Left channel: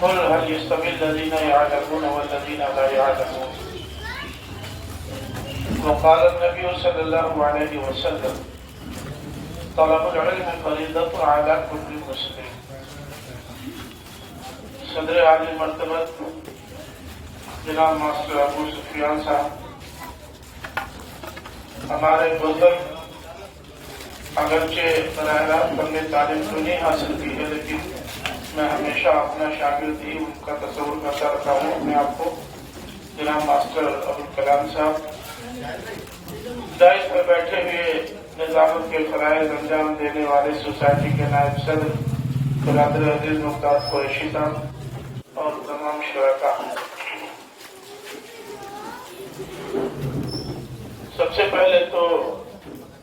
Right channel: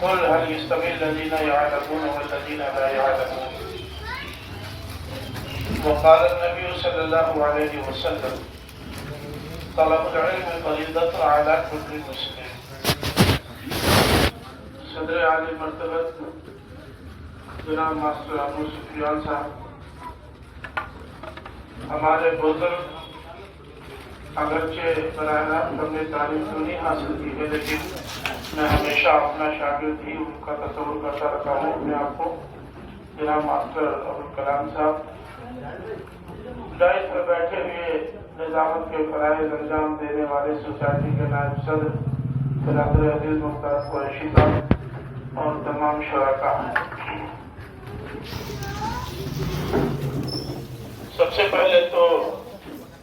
قل هل يستوي الذين يعلمون والذين لا يعلمون. وقال النبي صلى الله عليه وسلم طلب العلم فريضة على كل مسلم. صدر عالی مرتبت جناب ماسٹر ابو سفیان صاحب ہمارے بزرگ اگرچہ براہ راست ہم نے تعلیم تو نہیں حاصل کی ہے، لیکن میں ہمیشہ اپنا شاگرد ہی ان کا تصور کرتا رہتا ہوں اپنے آپ کو. جناب ماسٹر ابوالکلام صاحب دائز پر بیٹھے ہوئے نظامت کے فرائض انجام دینے والے سوسائٹی کے نائب صدر برادر عزیز مختار قریشی صاحب اور تمام شرکاء. سب سے پہلے تو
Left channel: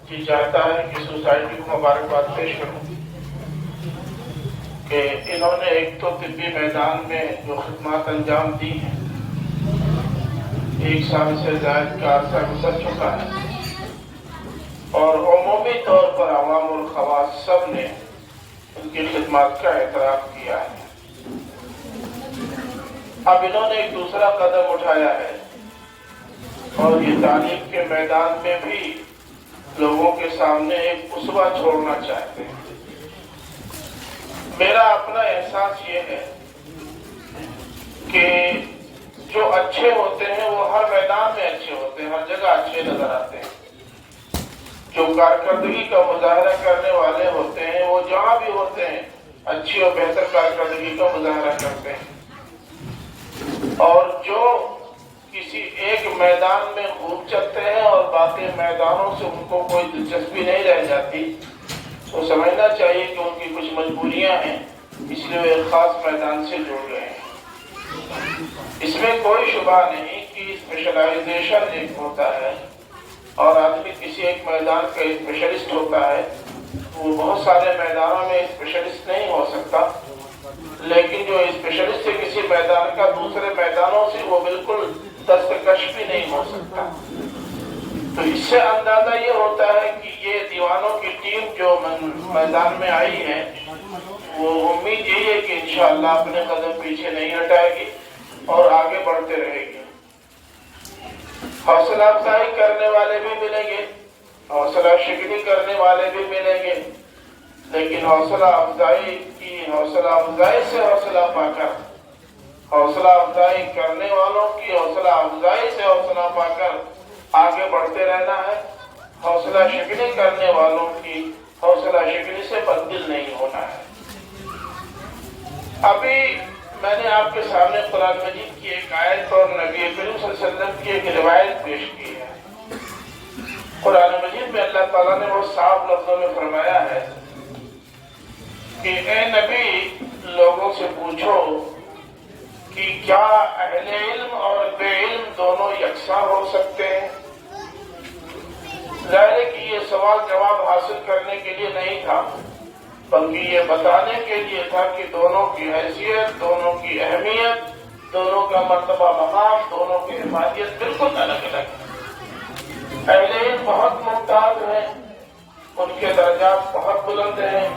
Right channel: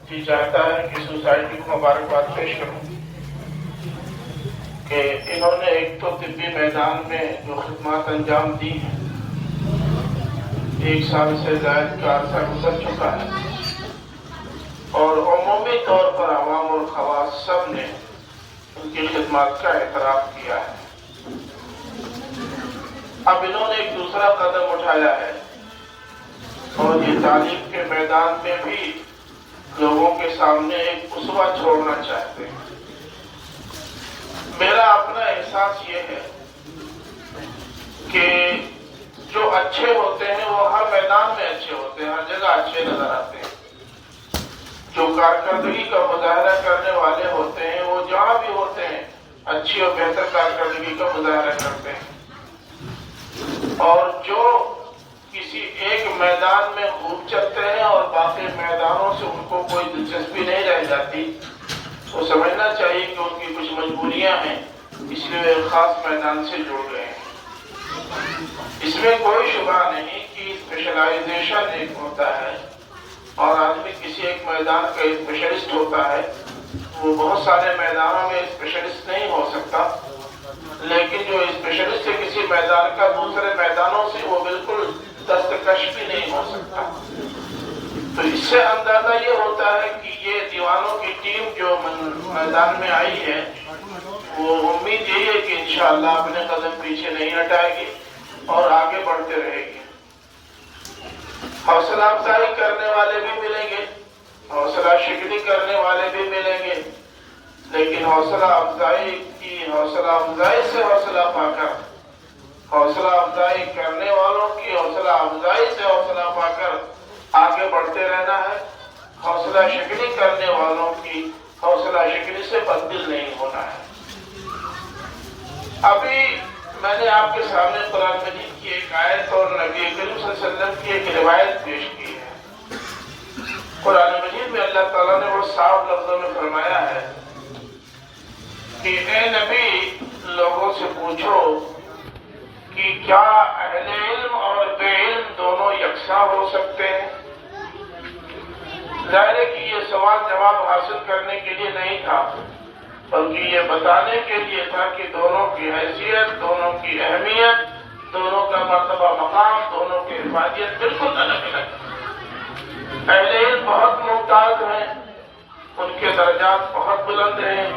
جی چاہتا ہے کہ سوسائٹی کو مبارکباد پیش کروں کہ انہوں نے ایک تو طبی میدان میں جو خدمات انجام دی ہیں، 1 سال سے زائد کا عرصہ گزر چکا ہے اور عمومی طور پر عوام اور خواص سب نے ان کی خدمات کا اعتراف کیا ہے. اب انہوں نے ایک دوسرا قدم اٹھایا ہے اور یہ تعلیم کے میدان میں بھی لوگوں کے سامنے ایک اسوہ چھوڑنا چاہتے ہیں. میرا اپنا احساس یہ ہے کہ جو اچھے ہوتے ہیں وہ ہر میدان میں اچھے ہوتے ہیں، ہر جگہ اچھے نظر آتے ہیں. جو کارکردگی کا مظاہرہ کرنے والے ہوتے ہیں وہ جہاں بھی ہوتے ہیں اچھی اور بہتر کارکردگی کا مظاہرہ کرتے ہیں، اور جو کسی ایک میدان میں خوب چلتے ہیں اور باقی میدانوں سے ان کو کوئی دلچسپی نہیں رہ جاتی، وہ سمجھنا چاہیے کہ ان کی کچھ مجبوریاں ہیں، اس لیے وہ ایک خاص میدان سے جڑ گئے ہیں. اس میں کوئی شبہ نہیں کہ اسپیشلائزیشن ایک ہوتا ہے اور آدمی کسی ایک میدان کا اسپیشلسٹ ہوتا ہے. وہ بہت سارے میدانوں میں اسپیشلسٹ نہیں ہو سکتا، لیکن جو اسپیشلسٹ ہے کسی میدان کا دوسرے میدانوں سے وہ بالکل دستکش بھی نہیں ہو سکتا. تو اس سے اندازہ یہ ہوتا ہے کہ یہ دیوانوں کی ٹیم جو میدان میں آئی ہے وہ امید یہی ہے کہ انشاءاللہ اپنے قدم پیچھے نہیں ہٹائے گی اور آگے بڑھتے رہے گی. حوصلہ افزائی کرنے والے بھی ملیں گے، حوصلہ شکنی کرنے والے بھی ملیں گے، لیکن حوصلہ افزائی سے حوصلہ پا کر، حوصلہ افزائی کرنے والوں کی حوصلہ افزائی سے حوصلہ پا کر آگے بڑھتے رہنا ہے. حوصلہ شکنی کرنے والوں کی حوصلہ شکنی سے بددل نہیں ہونا ہے. ابھی میں نے آپ کے سامنے قرآن مجید کی ایک آیت اور نبی کریم صلی اللہ علیہ وسلم کی ایک روایت پیش کی ہے. قرآن مجید میں اللہ تعالیٰ نے وہ صاف لفظوں میں فرمایا ہے کہ اے نبی لوگوں سے پوچھو کہ کیا اہل علم اور بے علم دونوں یکساں ہو سکتے ہیں؟ ظاہر ہے کہ یہ سوال جواب حاصل کرنے کے لیے نہیں تھا، بلکہ یہ بتانے کے لیے تھا کہ دونوں کی حیثیت، دونوں کی اہمیت، دونوں کا مرتبہ مقام، دونوں کی حفاظت بالکل الگ الگ ہے. اہل علم بہت ممتاز ہیں، ان کے درجات بہت بلند ہیں،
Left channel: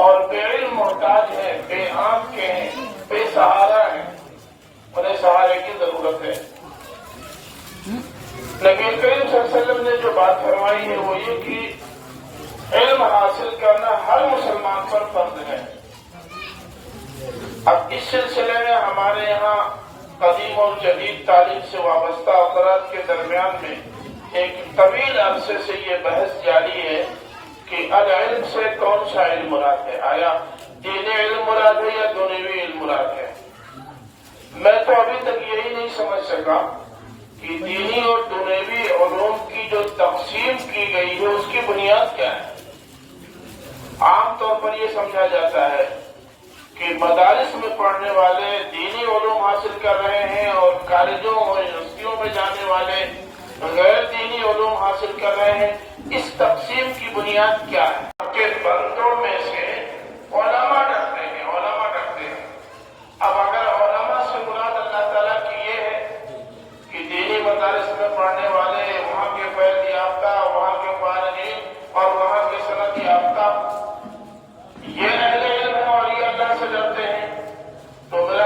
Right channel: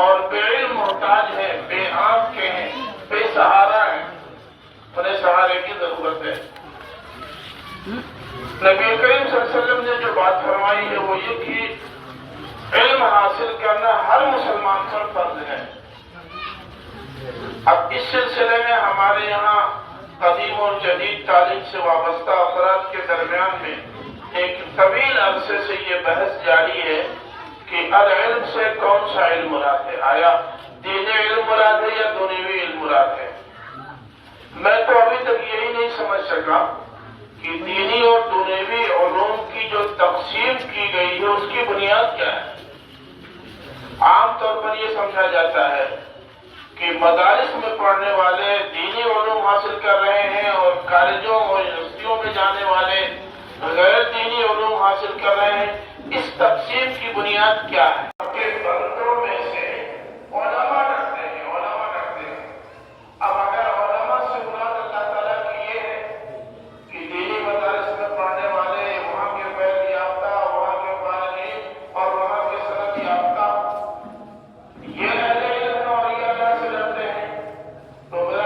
اور بے علم محتاج ہیں، بے آنکھ کے ہیں، بے سہارا ہیں، انہیں سہارے کی ضرورت ہے. نبی کریم صلی اللہ علیہ وسلم نے جو بات فرمائی ہے وہ یہ کہ علم حاصل کرنا ہر مسلمان پر فرض ہے. اب اس سلسلے میں ہمارے یہاں قدیم اور جدید تعلیم سے وابستہ افراد کے درمیان میں ایک طویل عرصے سے یہ بحث جاری ہے کہ العلم سے کون سا علم مراد ہے. آیا دینی علم مراد ہے یا دنیوی علم مراد ہے؟ میں تو ابھی تک یہی نہیں سمجھ سکا کہ دینی اور دنیوی علوم کی جو تقسیم کی گئی ہے اس کی بنیاد کیا ہے. عام طور پر یہ سمجھا جاتا ہے کہ مدارس میں پڑھنے والے دینی علوم حاصل کر رہے ہیں اور کالجوں اور یونیورسٹیوں میں جانے والے غیر دینی علوم حاصل کر رہے ہیں. اس تقسیم کی بنیاد کیا ہے؟ کے بندوں میں سے علماء رکھتے ہیں، علماء رکھتے ہیں. اب اگر علماء سے مراد اللہ تعالیٰ کی یہ ہے کہ دینی مدارس میں پڑھنے والے وہاں کے فیض یافتہ، وہاں کے فارغین اور وہاں کے سند یافتہ، یہ اہل علم اور یہ اللہ سے ڈرتے ہیں، تو میرا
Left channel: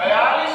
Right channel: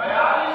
42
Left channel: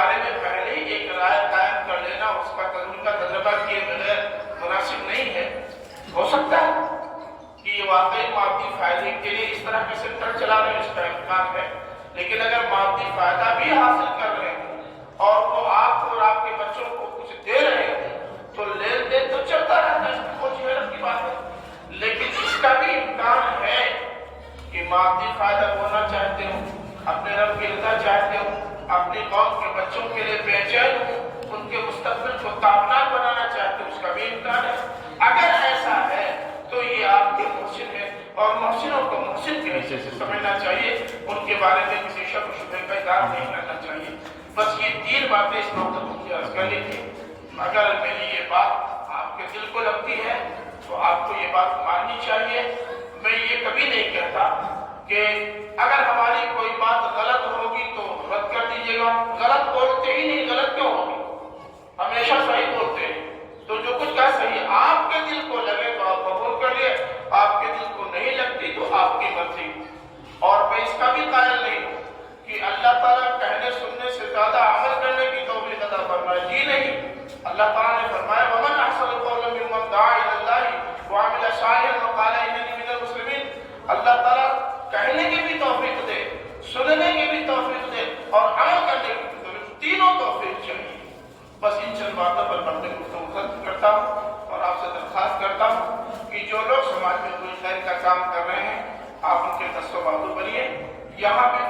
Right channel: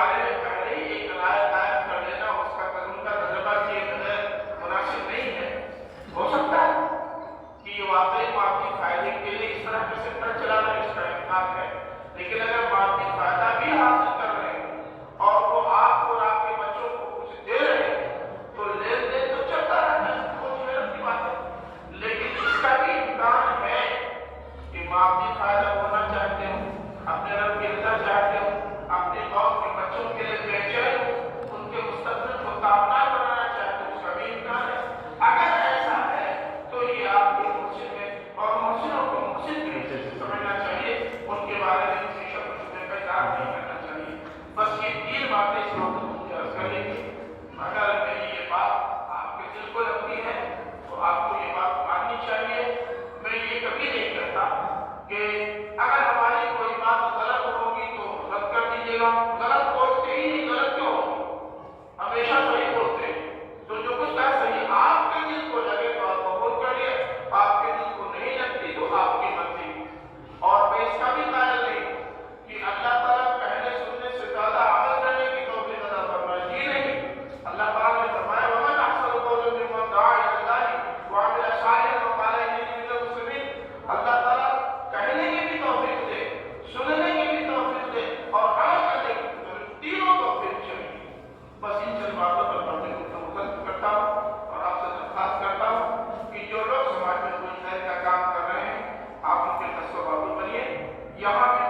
بارے میں پہلے ہی ایک رائے قائم کر لینا اس کا تجربہ کیے بغیر مناسب نہیں ہے۔ ہو سکتا ہے کہ یہ واقعی مادی فائدے کے لیے اس طرح کے سیکٹر چلا رہے ہیں، اس کا امکان ہے، لیکن اگر مادی فائدہ بھی حاصل کر رہے ہیں اور وہ آپ اور آپ کے بچوں کو کچھ دے رہے ہیں تو لین دین تو چلتا رہتا ہے، کچھ محنت کی بات ہے، لیکن اس کا بھی امکان ہے کہ مادی فائدہ ہونا چاہتے ہوں، اپنے رب کے رضا چاہتے ہوں، اپنے قوم کے بچوں کے لیے بےچین ہوں، ان کے مستقبل کو تابناک بنانا چاہتے ہوں، اس کا بھی امکان ہے۔ اگر ایسا ہے تو یہ آپ کے محسن ہے، اور محسنوں کو محسن کے حصے سے سمجھنا چاہیے، ان کے بارے میں کسی شک و شبہ کا اظہار نہیں کرنا چاہیے۔ بس یہ تین باتیں اس موضوع کی عرض کرنی تھی۔ اگر میری یہ بات آپ کے دل کو لگتی ہے تو آپ کو یہ بات ماننی چاہیے۔ میں یہ کبھی نہیں کہتا کہ اگر ہماری کوئی بات غلط ہوگی تو رد کر دیجیے گا، غلط بولتے ہی نہیں، غلط کیوں ہوگی؟ ہمیشہ صحیح بولتے ہیں۔ تو جو کچھ کا صحیح آپ کے دل کو لگے تو آپ قبول کر لیں، آپ کے دل کو نہیں لگتی تو آپ کی مرضی۔ اور میں اس کا بھی قائل نہیں ہوں کہ اللہ تعالیٰ کہنے سننے سے زیادہ عمل کرنے کی توفیق عطا فرمائے، جی نہیں۔ اللہ تعالیٰ نے فرمایا وَمَنْ أَحْسَنُ قَوْلًا مِّمَّنْ دَعَا إِلَى اللَّهِ وَعَمِلَ صَالِحًا وَقَالَ إِنَّنِي مِنَ الْمُسْلِمِينَ۔ اللہ تعالیٰ کہنے کی بھی توفیق دے، سننے کی بھی توفیق دے، اور عمل کرنے کی بھی توفیق، تینوں توفیق چاہیے۔ بس ان چند باتوں پر میں اپنے گفتگو ختم کرتا ہوں اور آپ سے درخواست کرتا ہوں کہ جو لوگ سماج میں کوئی خیر کا کام کر رہے ہیں آپ ان کے دست و بازو بنیے۔ یہاں بھی